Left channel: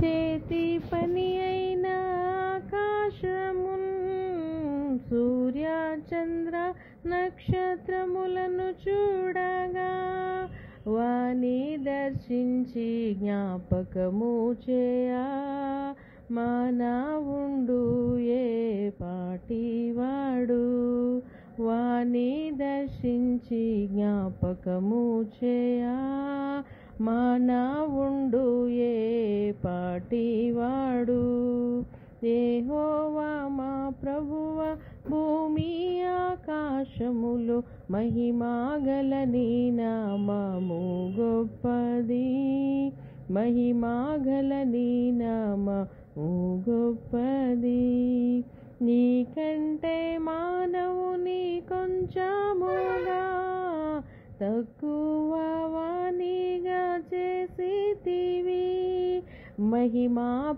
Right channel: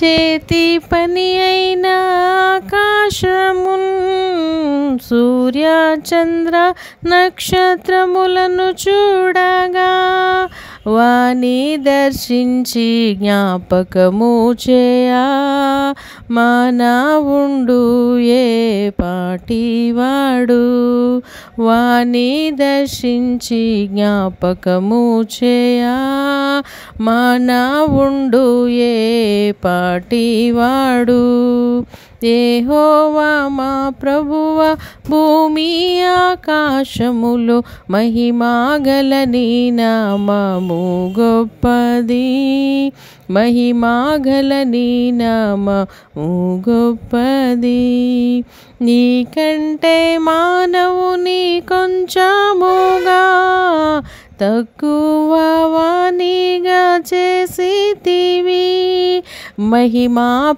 చేతి పని అయిన ఆకాశమున్ సూర్య చంద్ర నక్షత్రములను చూడగా వాని దర్శించి జ్ఞాపకము చేయా మానవుండు ఏ పాటివాడు. వాని దర్శించి జ్ఞాపకము చేయా మానవుండు ఏ పాటివాడు. యెహోవా మా ప్రభువా భూమి ఆకాశములు మహిమగల నీ నామము గొప్పది. మహిమగల నీ నామము గొప్పది. నీకంటే మానవుని కొంచెముగా తక్కువ వానిగా చేసితివి. మహిమా